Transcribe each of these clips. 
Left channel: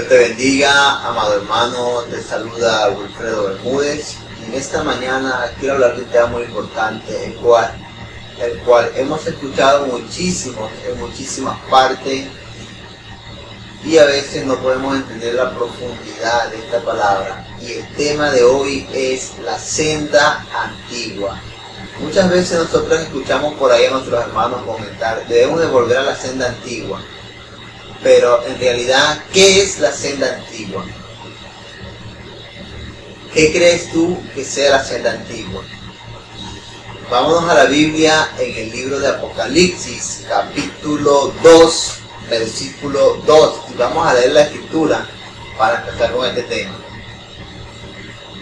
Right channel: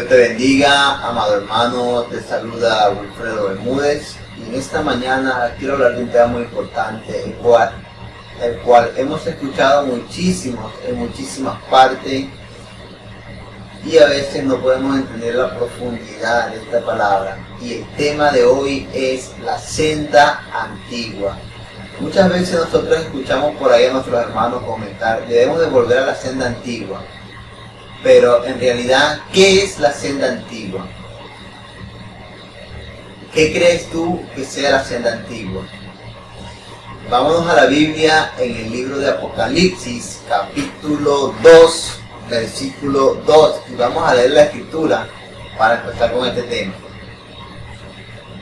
Dios te bendiga, amado hermano, te saluda Wilfredo Bermúdez y en esta mañana quiero hablar de un tema muy importante, el cual hemos escuchado muchísimo, en muchísimas partes y a veces no podemos entender la profundidad de esta palabra. Y el tema de hoy es la senda antigua. Muchas veces nosotros escuchamos por ahí a nuestros hermanos comentar, debemos de volver a la senda antigua. Pero en realidad, ¿qué es la senda antigua? ¿Qué crees tú que sea la senda antigua? Vámonos a la Biblia en el libro de Apocalipsis, capítulo 2, versículo 2. Y vamos a leer la escritura para empezar con este tema.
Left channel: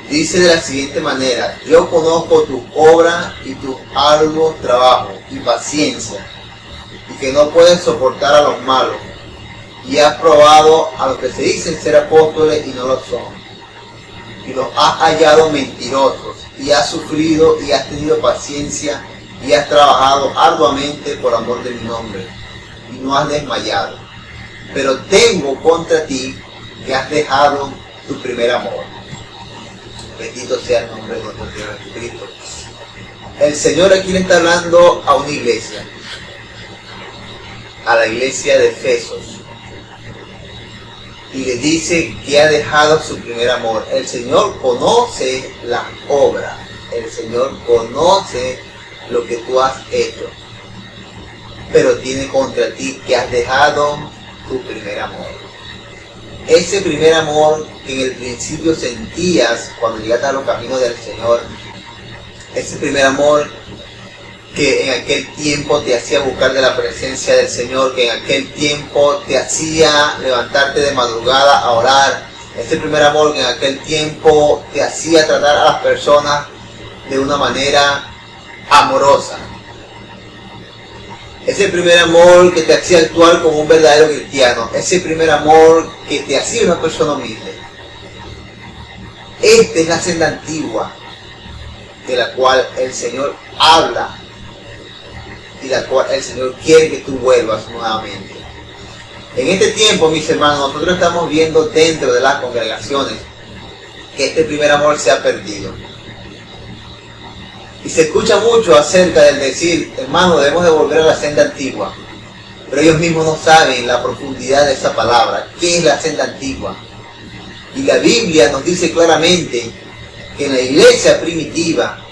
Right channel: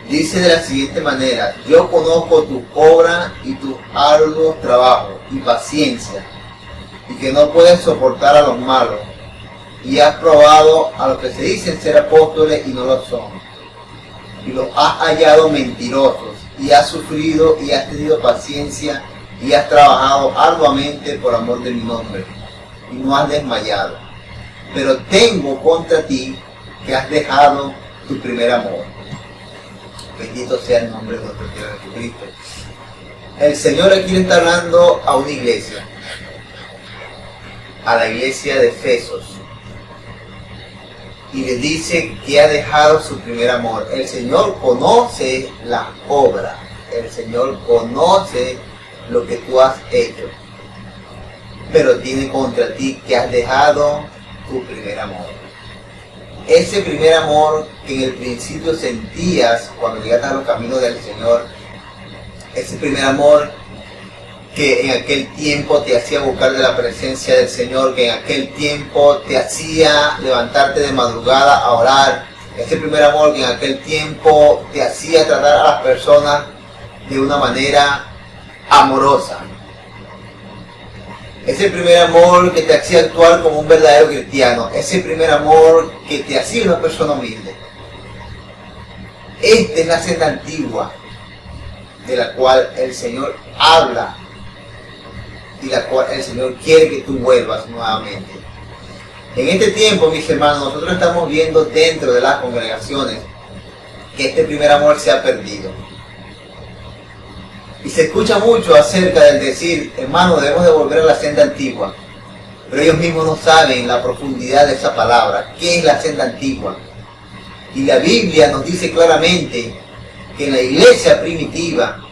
Dice de la siguiente manera: yo conozco tus obras y tus arduos trabajos y paciencia, y que no puedes soportar a los malos, y has probado a los que se dicen ser apóstoles y no lo son, y los has hallado mentirosos, y has sufrido y has tenido paciencia, y has trabajado arduamente por amor de mi nombre, y no has desmayado. Pero tengo contra ti que has dejado tu primer amor. Bendito sea el nombre de nuestro Señor Jesucristo. El Señor aquí le está hablando a una iglesia, a la iglesia de Efesos, y le dice que ha dejado su primer amor. El Señor conoce las obras, el Señor conoce lo que tú has hecho, pero tiene contra ti que has dejado tu primer amor. Ese primer amor que en el principio sentías cuando llegaste a los caminos del Señor, ese primer amor que en aquel tiempo te hacía buscar de la presencia del Señor, que en aquel tiempo te hacía levantarte de madrugada a orar, ese primer amor que en aquel tiempo te hacía tratar a las personas de una manera amorosa, ese primer amor que te hacía actuar como un verdadero cristiano, ese primer amor que te hacía una persona humilde. Esta es la senda antigua de la cual el Señor habla y la cual el Señor quiere que tú vuelvas nuevamente. En este tiempo, mis hermanos, nosotros estamos viendo dentro de las congregaciones que este primer amor se ha perdido. Y se escucha mucho acerca del decir, hermano, debemos de volver a la senda antigua. Pero ellos mismos no saben la profundidad de esa palabra. ¿Qué es la senda antigua? Y la Biblia nos dice claramente que en la iglesia primitiva,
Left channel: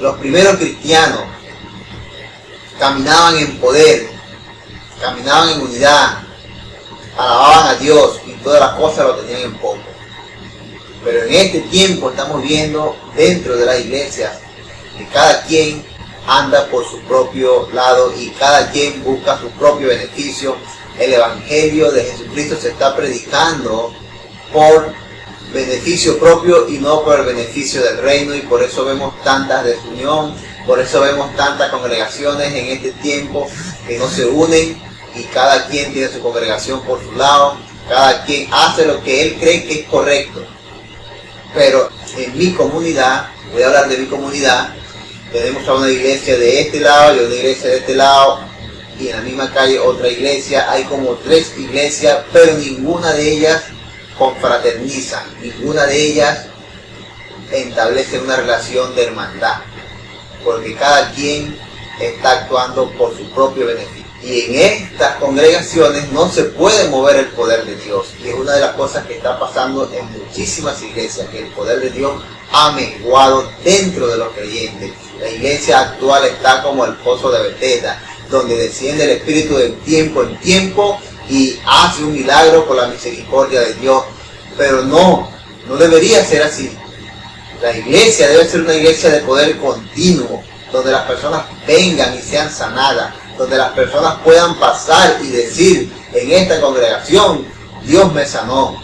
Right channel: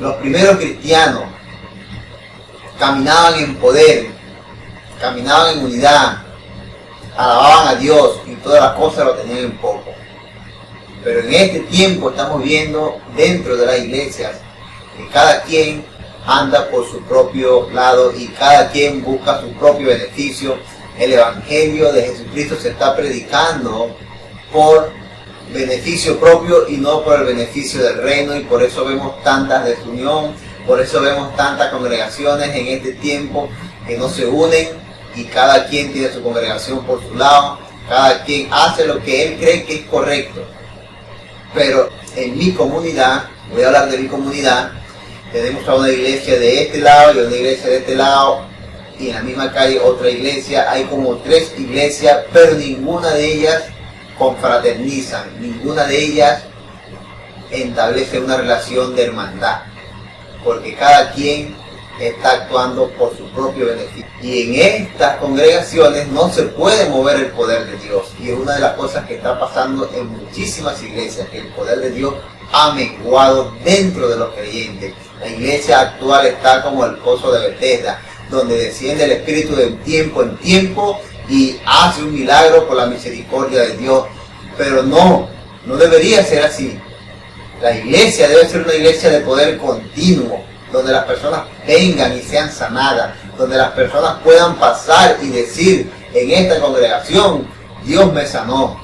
los primeros cristianos caminaban en poder, caminaban en unidad, alababan a Dios y todas las cosas lo tenían en poco. Pero en este tiempo estamos viendo dentro de las iglesias que cada quien anda por su propio lado y cada quien busca su propio beneficio. El Evangelio de Jesucristo se está predicando por beneficio propio y no por el beneficio del reino, y por eso vemos tanta desunión, por eso vemos tantas congregaciones en este tiempo que no se unen y cada quien tiene su congregación por su lado, cada quien hace lo que él cree que es correcto. Pero en mi comunidad, voy a hablar de mi comunidad, tenemos a una iglesia de este lado y una iglesia de este lado, y en la misma calle otra iglesia. Hay como 3 iglesias, pero ninguna de ellas confraternizan, ninguna de ellas establece una relación de hermandad, porque cada quien está actuando por su propio beneficio. Y en estas congregaciones no se puede mover el poder de Dios, y es una de las cosas que está pasando en muchísimas iglesias, que el poder de Dios ha menguado dentro de los creyentes. La iglesia actual está como el pozo de Bethesda, donde desciende el Espíritu de tiempo en tiempo y hace un milagro por la misericordia de Dios. Pero no debería ser así. La iglesia debe ser una iglesia de poder continuo, donde las personas vengan y sean sanadas, donde las personas puedan pasar y decir, en esta congregación Dios me sanó,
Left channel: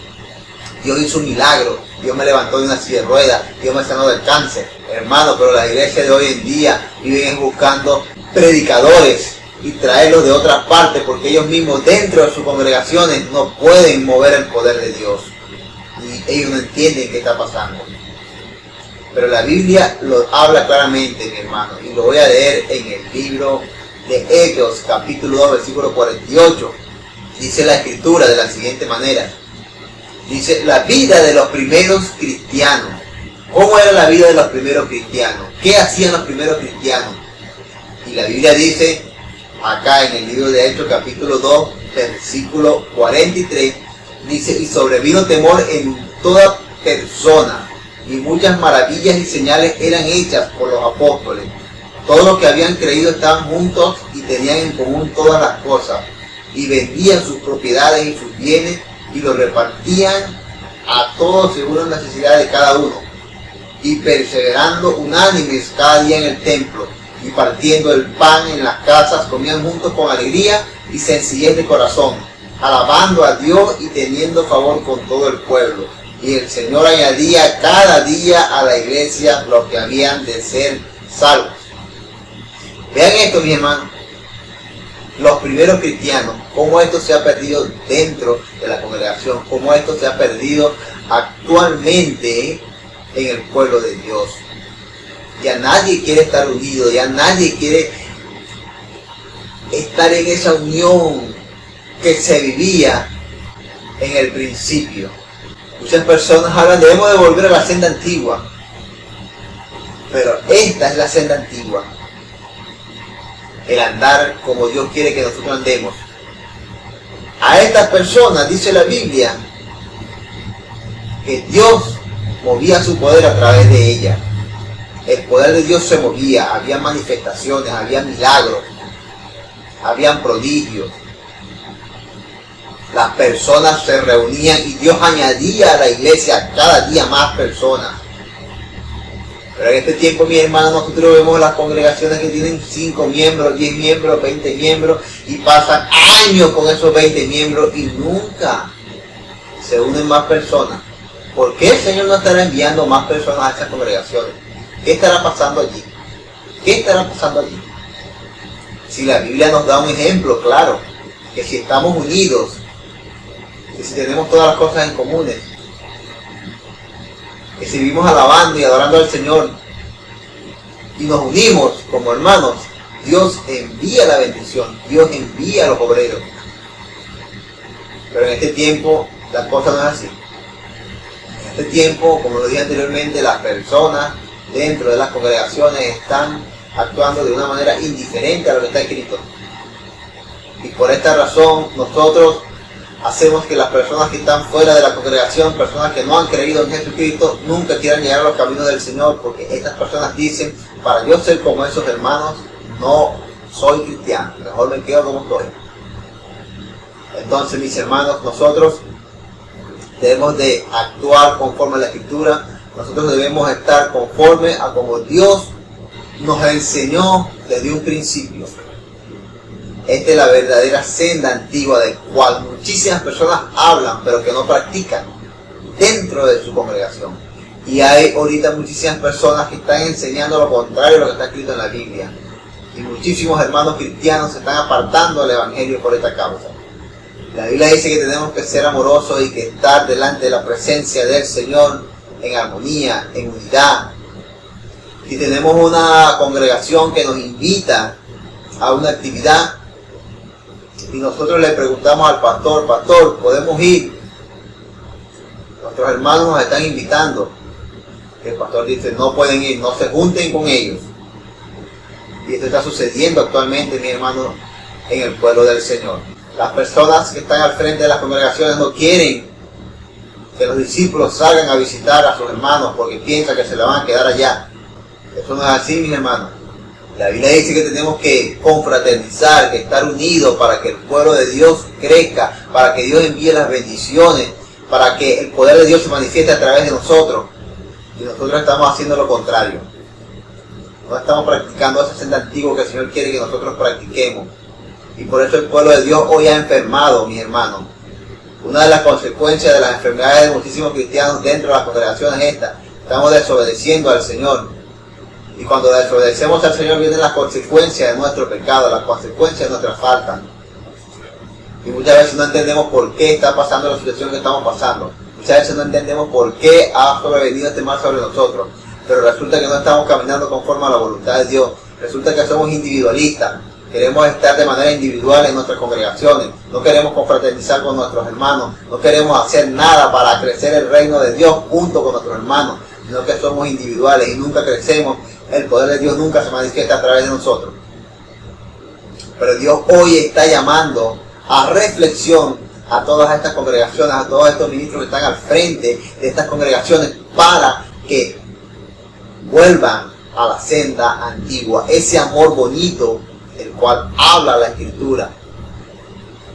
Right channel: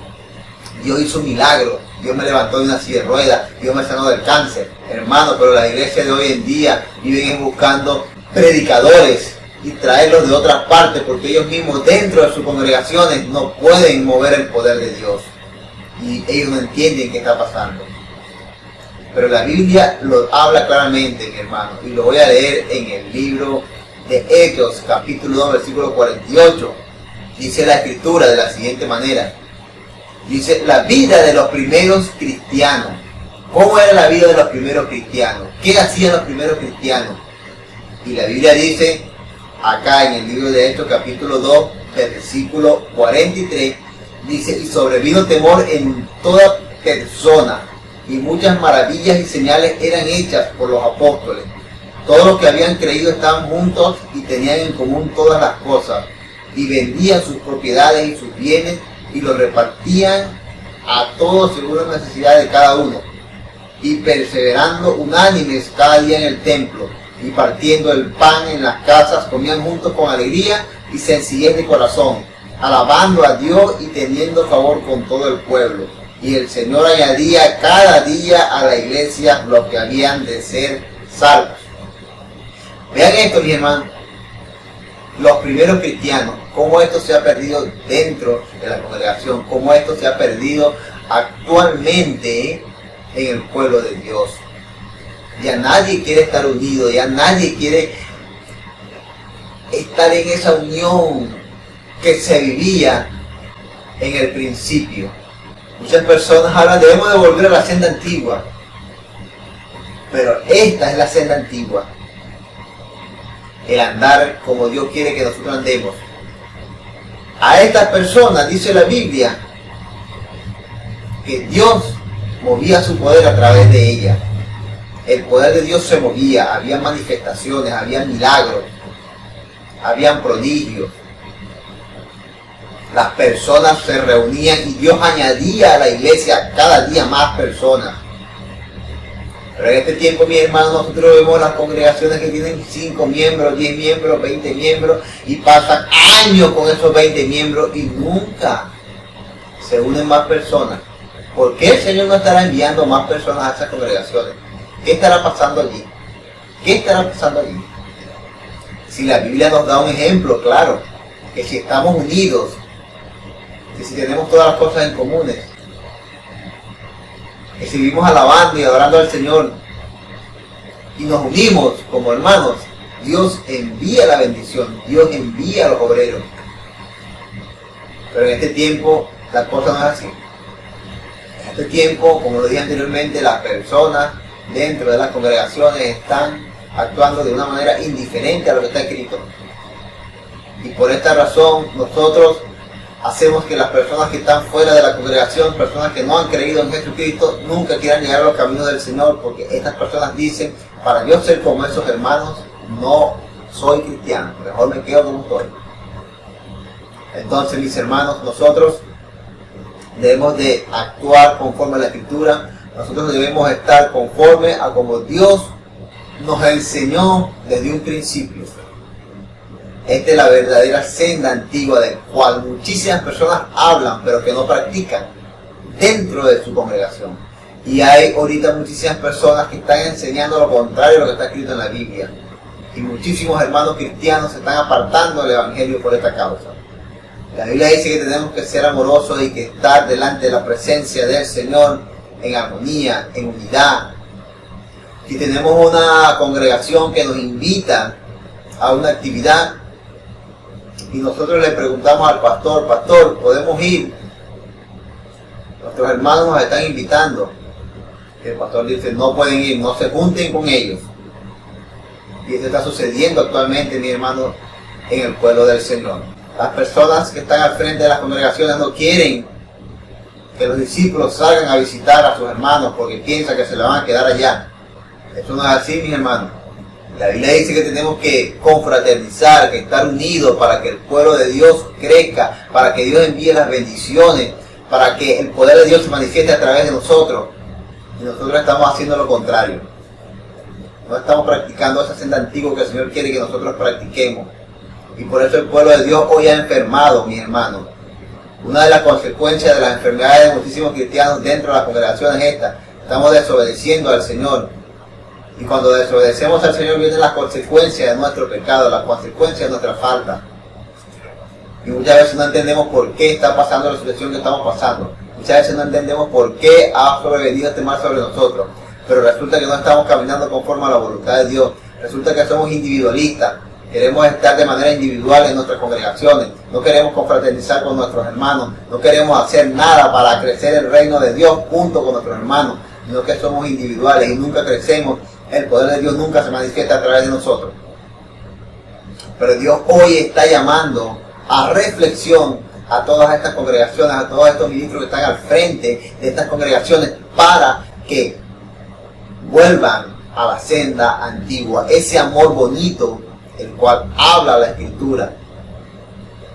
Dios hizo un milagro, Dios me levantó de una silla de ruedas, Dios me sanó del cáncer. Hermano, pero las iglesias de hoy en día viven buscando predicadores y traerlos de otras partes, porque ellos mismos dentro de sus congregaciones no pueden mover el poder de Dios. Y ellos no entienden qué está pasando. Pero la Biblia lo habla claramente, mi hermano, y lo voy a leer en el libro de Hechos, capítulo 2, versículo 48. Dice la Escritura de la siguiente manera: Dice, la vida de los primeros cristianos. ¿Cómo era la vida de los primeros cristianos? ¿Qué hacían los primeros cristianos? Y la Biblia dice, acá en el libro de Hechos, capítulo 2, versículo 43, dice, y sobrevino temor en toda persona, y muchas maravillas y señales eran hechas por los apóstoles. Todos los que habían creído estaban juntos y tenían en común todas las cosas, y vendían sus propiedades y sus bienes, y los repartían a todos según la necesidad de cada uno, y perseverando unánimes cada día en el templo, y partiendo el pan en las casas, comían juntos con alegría y sencillez de corazón, alabando a Dios y teniendo favor con todo el pueblo. Y el Señor añadía cada día a la iglesia los que habían de ser salvos. Vean esto, mi hermano. Los primeros cristianos, cómo esto se ha perdido dentro de la congregación, cómo esto se ha perdido actualmente en el pueblo de Dios. Ya nadie quiere estar unido, ya nadie quiere estar en esa unión que se vivía en el principio. Muchas personas hablan, debemos de volver a la senda antigua, pero esta es la senda antigua. El andar como Dios quiere que nosotros andemos. A estas personas, dice la Biblia, que Dios movía su poder a través de ellas. El poder de Dios se movía, había manifestaciones, había milagros, habían prodigios. Las personas se reunían y Dios añadía a la iglesia cada día más personas. Pero en este tiempo, mi hermano, nosotros vemos las congregaciones que tienen 5 miembros, 10 miembros, 20 miembros y pasan años con esos 20 miembros y nunca se unen más personas. ¿Por qué el Señor no estará enviando más personas a esas congregaciones? ¿Qué estará pasando allí? ¿Qué estará pasando allí? Si la Biblia nos da un ejemplo, claro, que si estamos unidos, que si tenemos todas las cosas en comunes, que si vivimos alabando y adorando al Señor y nos unimos como hermanos, Dios envía la bendición, Dios envía a los obreros. Pero en este tiempo la cosa no es así. En este tiempo, como lo dije anteriormente, las personas dentro de las congregaciones están actuando de una manera indiferente a lo que está escrito. Y por esta razón nosotros hacemos que las personas que están fuera de la congregación, personas que no han creído en Jesucristo, nunca quieran llegar a los caminos del Señor, porque estas personas dicen, para yo ser como esos hermanos, no soy cristiano, mejor me quedo como estoy. Entonces, mis hermanos, nosotros debemos de actuar conforme a la Escritura. Nosotros debemos estar conforme a como Dios nos enseñó desde un principio. Esta es la verdadera senda antigua de cual muchísimas personas hablan, pero que no practican dentro de su congregación. Y hay ahorita muchísimas personas que están enseñando lo contrario a lo que está escrito en la Biblia. Y muchísimos hermanos cristianos se están apartando del Evangelio por esta causa. La Biblia dice que tenemos que ser amorosos y que estar delante de la presencia del Señor en armonía, en unidad. Si tenemos una congregación que nos invita a una actividad y nosotros le preguntamos al pastor, pastor, ¿podemos ir? Nuestros hermanos nos están invitando. El pastor dice, no pueden ir, no se junten con ellos. Y esto está sucediendo actualmente, mi hermano, en el pueblo del Señor. Las personas que están al frente de las congregaciones no quieren que los discípulos salgan a visitar a sus hermanos porque piensan que se le van a quedar allá. Eso no es así, mis hermanos. La Biblia dice que tenemos que confraternizar, que estar unidos para que el pueblo de Dios crezca, para que Dios envíe las bendiciones, para que el poder de Dios se manifieste a través de nosotros. Y nosotros estamos haciendo lo contrario. No estamos practicando esa senda antigua que el Señor quiere que nosotros practiquemos. Y por eso el pueblo de Dios hoy ha enfermado, mis hermanos. Una de las consecuencias de las enfermedades de muchísimos cristianos dentro de las congregaciones es esta. Estamos desobedeciendo al Señor. Y cuando desobedecemos al Señor vienen las consecuencias de nuestro pecado, las consecuencias de nuestra falta. Y muchas veces no entendemos por qué está pasando la situación que estamos pasando. Muchas veces no entendemos por qué ha sobrevenido este mal sobre nosotros. Pero resulta que no estamos caminando conforme a la voluntad de Dios. Resulta que somos individualistas. Queremos estar de manera individual en nuestras congregaciones. No queremos confraternizar con nuestros hermanos. No queremos hacer nada para crecer el reino de Dios junto con nuestros hermanos, sino que somos individuales y nunca crecemos. El poder de Dios nunca se manifiesta a través de nosotros. Pero Dios hoy está llamando a reflexión a todas estas congregaciones, a todos estos ministros que están al frente de estas congregaciones, para que vuelvan a la senda antigua, ese amor bonito el cual habla la Escritura.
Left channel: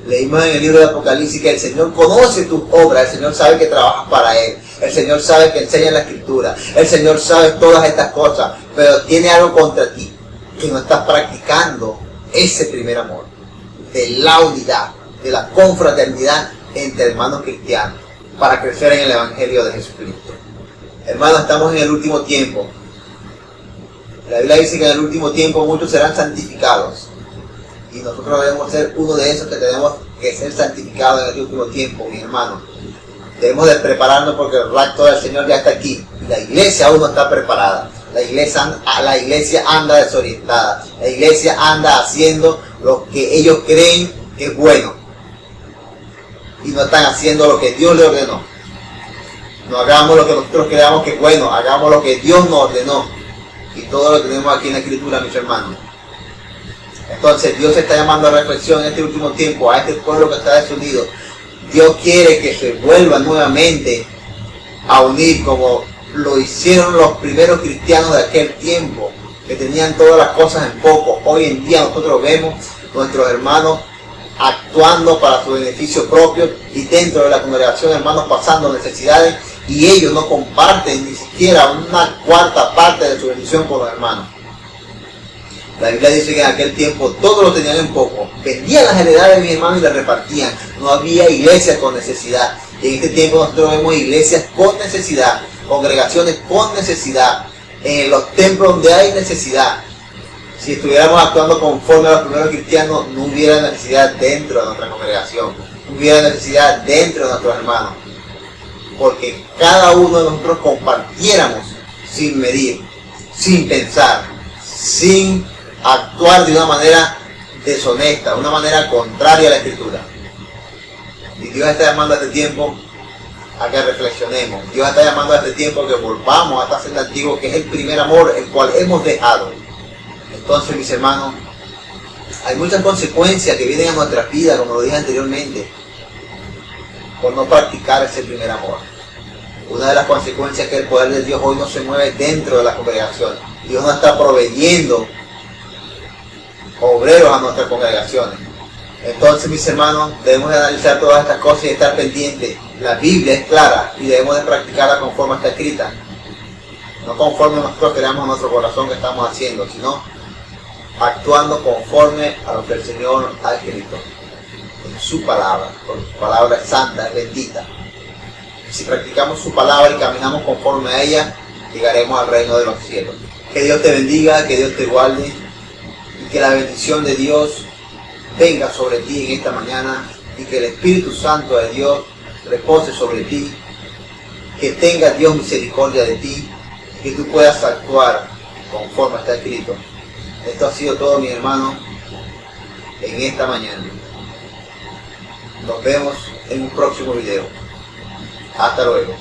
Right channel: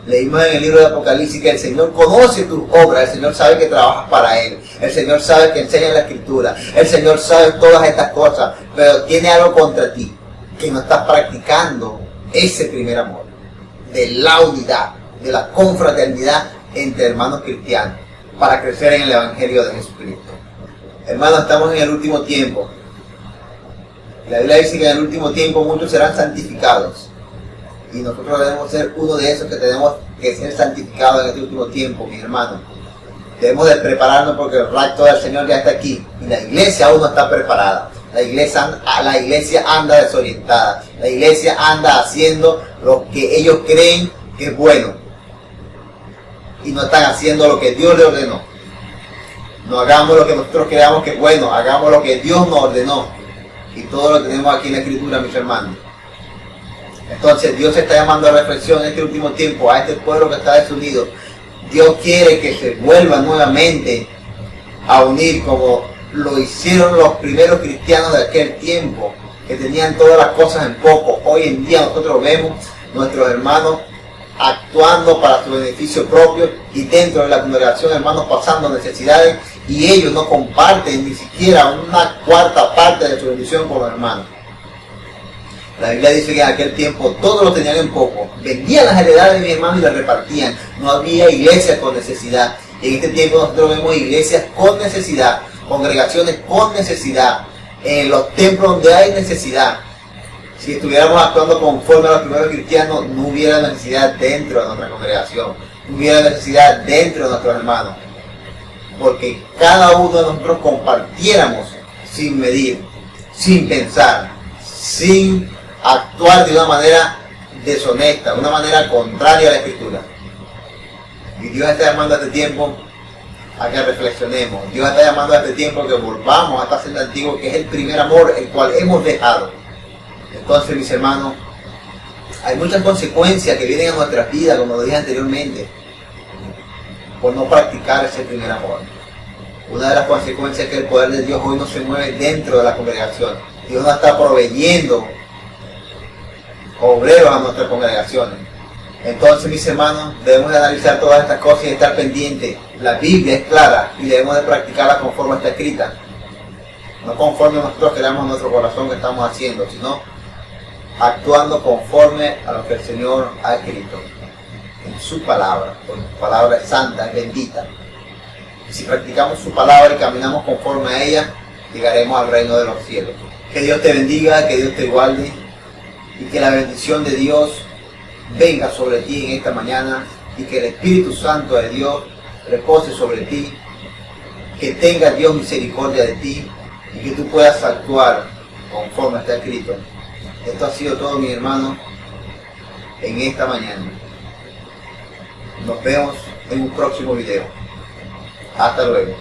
Leímos en el libro de Apocalipsis que el Señor conoce tus obras, el Señor sabe que trabajas para Él, el Señor sabe que enseñas la Escritura, el Señor sabe todas estas cosas, pero tiene algo contra ti, que no estás practicando ese primer amor, de la unidad, de la confraternidad entre hermanos cristianos, para crecer en el Evangelio de Jesucristo. Hermanos, estamos en el último tiempo. La Biblia dice que en el último tiempo muchos serán santificados. Y nosotros debemos ser uno de esos que tenemos que ser santificados en este último tiempo, mis hermanos. Debemos de prepararnos porque el rapto del Señor ya está aquí. Y la iglesia aún no está preparada. La iglesia anda desorientada. La iglesia anda haciendo lo que ellos creen que es bueno. Y no están haciendo lo que Dios le ordenó. No hagamos lo que nosotros creamos que es bueno. Hagamos lo que Dios nos ordenó. Y todo lo tenemos aquí en la Escritura, mis hermanos. Entonces Dios está llamando a reflexión en este último tiempo a este pueblo que está desunido. Dios quiere que se vuelva nuevamente a unir como lo hicieron los primeros cristianos de aquel tiempo, que tenían todas las cosas en poco. Hoy en día nosotros vemos nuestros hermanos actuando para su beneficio propio y dentro de la congregación hermanos pasando necesidades, y ellos no comparten ni siquiera una cuarta parte de su bendición con los hermanos. La Biblia dice que en aquel tiempo todos lo tenían en poco, vendían las heredades de mis hermanos y las repartían. No había iglesias con necesidad. Y en este tiempo nosotros vemos iglesias con necesidad, congregaciones con necesidad, en los templos donde hay necesidad. Si estuviéramos actuando conforme a los primeros cristianos, no hubiera necesidad dentro de nuestra congregación, no hubiera necesidad dentro de nuestros hermanos, porque cada uno de nosotros compartiéramos sin medir, sin pensar, sin actuar de una manera deshonesta, de una manera contraria a la Escritura. Y Dios está llamando a este tiempo a que reflexionemos. Dios está llamando a este tiempo a que volvamos a esta senda antigua, que es el primer amor, el cual hemos dejado. Entonces, mis hermanos, hay muchas consecuencias que vienen a nuestras vidas, como lo dije anteriormente, por no practicar ese primer amor. Una de las consecuencias es que el poder de Dios hoy no se mueve dentro de la congregación. Dios no está proveyendo obreros a nuestras congregaciones. Entonces, mis hermanos, debemos de analizar todas estas cosas y estar pendientes. La Biblia es clara y debemos de practicarla conforme está escrita. No conforme nosotros creamos en nuestro corazón que estamos haciendo, sino actuando conforme a lo que el Señor ha escrito en su palabra, porque su palabra es santa, es bendita. Si practicamos su palabra y caminamos conforme a ella, llegaremos al reino de los cielos. Que Dios te bendiga, que Dios te guarde y que la bendición de Dios venga sobre ti en esta mañana, y que el Espíritu Santo de Dios repose sobre ti, que tenga Dios misericordia de ti y que tú puedas actuar conforme está escrito. Esto ha sido todo, mis hermanos, en esta mañana. Nos vemos en un próximo video. Hasta luego.